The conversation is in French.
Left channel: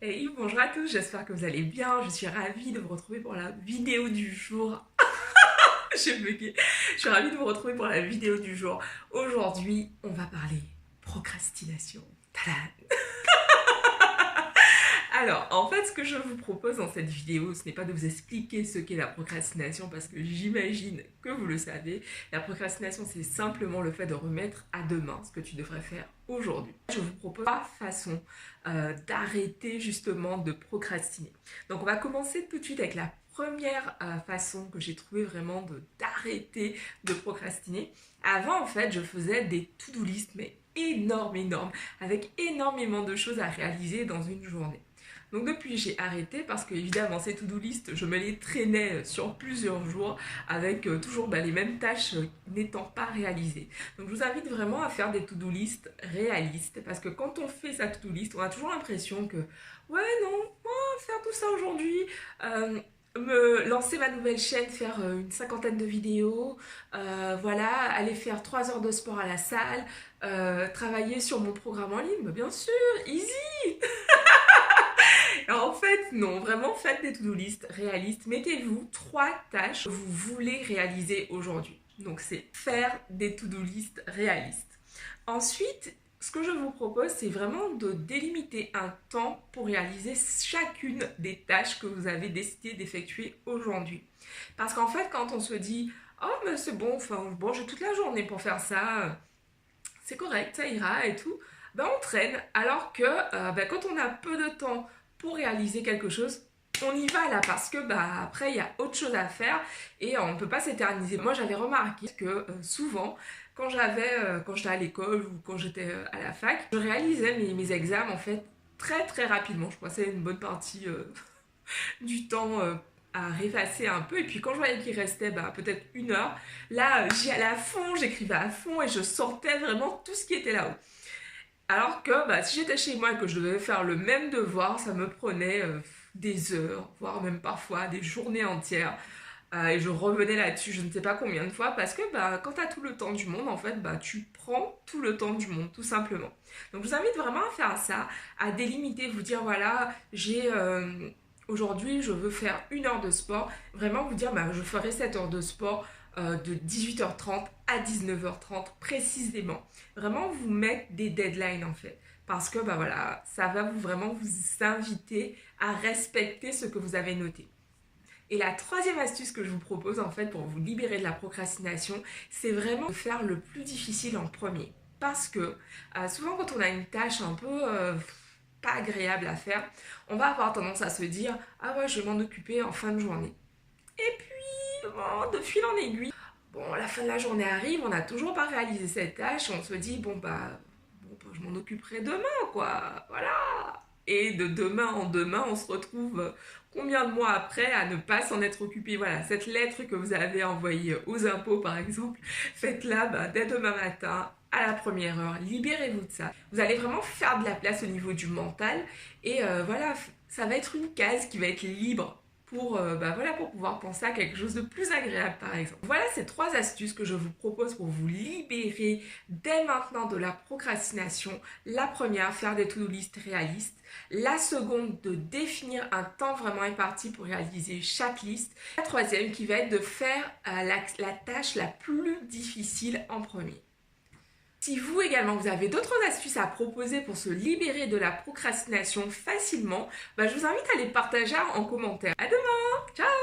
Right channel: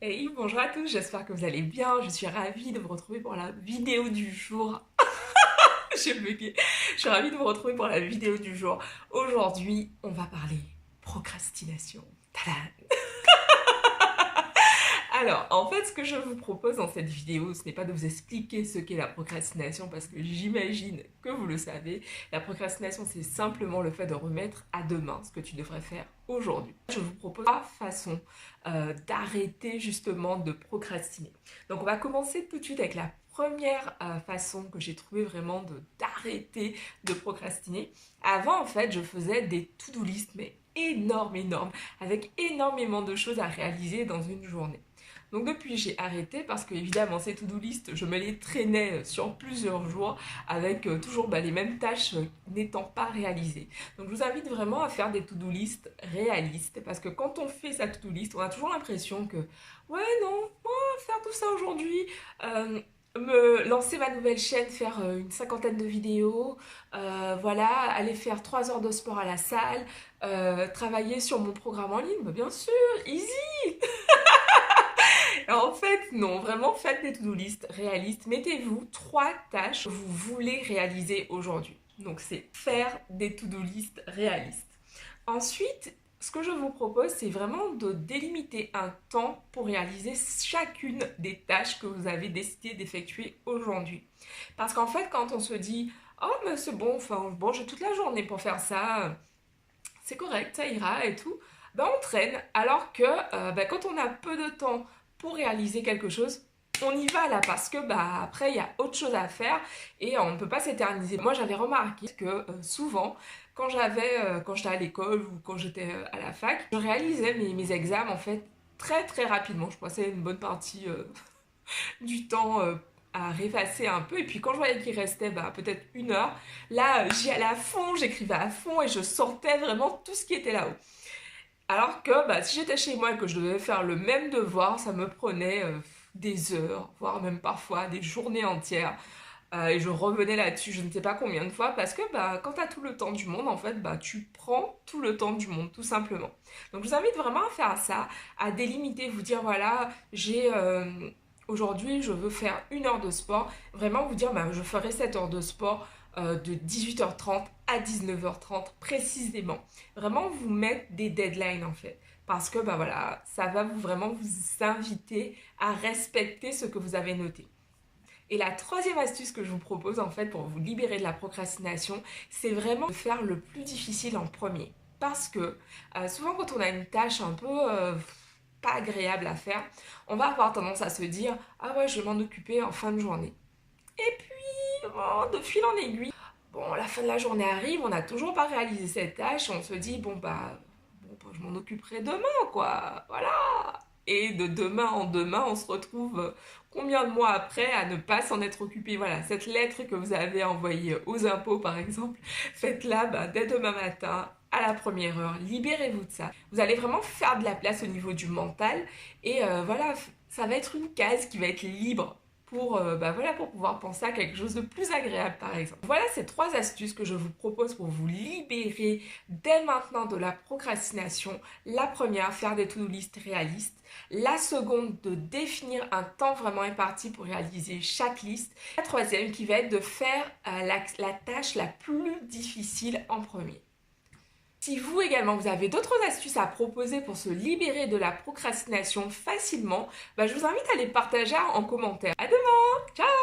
Hey, bonjour à tous, j'espère que vous allez bien. Je suis ravie de vous retrouver pour la vidéo du jour. J'ai bugué. Je suis ravie de vous retrouver pour la vidéo du jour. Aujourd'hui, on va parler procrastination. Tadam. Alors, en fait, ce que je vous propose dans cette vidéo, ce n'est pas de vous expliquer ce qu'est la procrastination parce que j'imagine que vous le savez. La procrastination, c'est simplement le fait de remettre à demain ce que tu devrais faire aujourd'hui. Je vous propose trois façons d'arrêter justement de procrastiner. Donc, on va commencer tout de suite avec la première façon que j'ai trouvé vraiment d'arrêter de procrastiner. Avant, en fait, je faisais des to-do list, mais énormes, avec énormément de choses à réaliser dans une journée. Donc depuis, j'ai arrêté parce que évidemment ces to-do list, je me les traînais sur plusieurs jours avec toujours les mêmes tâches n'étant pas réalisées. Donc je vous invite vraiment à faire des to-do list réalistes parce que quand on fait sa to-do list, on a toujours l'impression que ouais non, faire tout ça aujourd'hui, me lancer ma nouvelle chaîne, faire une cinquantaine de vidéos, voilà, aller faire 3 heures de sport à la salle, travailler sur mon programme en ligne, mais bien sûr, easy. En fait, non, vraiment faites des to-do list réalistes. Mettez-vous 3 tâches que vous voulez réaliser aujourd'hui. Donc c'est faire des to-do list réalistes. Ensuite, ce que je vous propose, c'est vraiment de délimiter un temps pour réaliser chacune des tâches que vous avez décidé d'effectuer aujourd'hui. Parce qu'en fait, quand on se dit oh mais c'est bon, enfin bon, j'ai toute la journée pour faire ça, c'est correct, ça ira et tout, ben on traîne. Alors que quand on a peu de temps pour réaliser quelque chose, on y va là parce que après il y a autre chose à faire et on ne peut pas s'éterniser. Moi j'avais remarqué que souvent quand j'étais à l'école ou quand j'étais à la fac, je réalisais mes examens en fait très rapidement. Je passais une bonne partie du temps à répasser un peu et puis quand je voyais qu'il restait peut-être 1 heure, là j'y allais à fond, j'écrivais à fond et je sortais vraiment tout ce qui était là-haut. Alors que si j'étais chez moi et que je devais faire le même devoir, ça me prenait des heures, voire même parfois des journées entières. Et je revenais là-dessus, je ne sais pas combien de fois, parce que quand tu as tout le temps du monde, en fait, tu prends tout le temps du monde, tout simplement. Donc je vous invite vraiment à faire ça, à délimiter, vous dire, voilà, aujourd'hui, je veux faire 1 heure de sport. Vraiment vous dire, je ferai cette heure de sport de 18h30 à 19h30 précisément. Vraiment vous mettre des deadlines en fait. Parce que voilà, ça va vraiment vous inviter à respecter ce que vous avez noté. Et la troisième astuce que je vous propose en fait pour vous libérer de la procrastination, c'est vraiment de faire le plus difficile en premier. Parce que souvent quand on a une tâche un peu pas agréable à faire, on va avoir tendance à se dire ah ouais je vais m'en occuper en fin de journée. Et puis de fil en aiguille, bon la fin de la journée arrive, on n'a toujours pas réalisé cette tâche, on se dit je m'en occuperai demain quoi, voilà. Et de demain en demain, on se retrouve combien de mois après à ne pas s'en être occupé. Voilà, cette lettre que vous avez envoyée aux impôts par exemple, faites-la dès demain matin, à la première heure, libérez-vous de ça. Vous allez vraiment faire de la place au niveau du mental et voilà, ça va être une case qui va être libre pour pouvoir penser à quelque chose de plus agréable par exemple. Voilà ces 3 astuces que je vous propose pour vous libérer dès maintenant de la procrastination. La première, faire des to-do list réalistes. La seconde, de définir un temps vraiment imparti pour réaliser chaque liste. La troisième qui va être de faire la tâche la plus difficile en premier. Si vous également, vous avez d'autres astuces à proposer pour se libérer de la procrastination facilement, je vous invite à les partager en commentaire. À demain, ciao!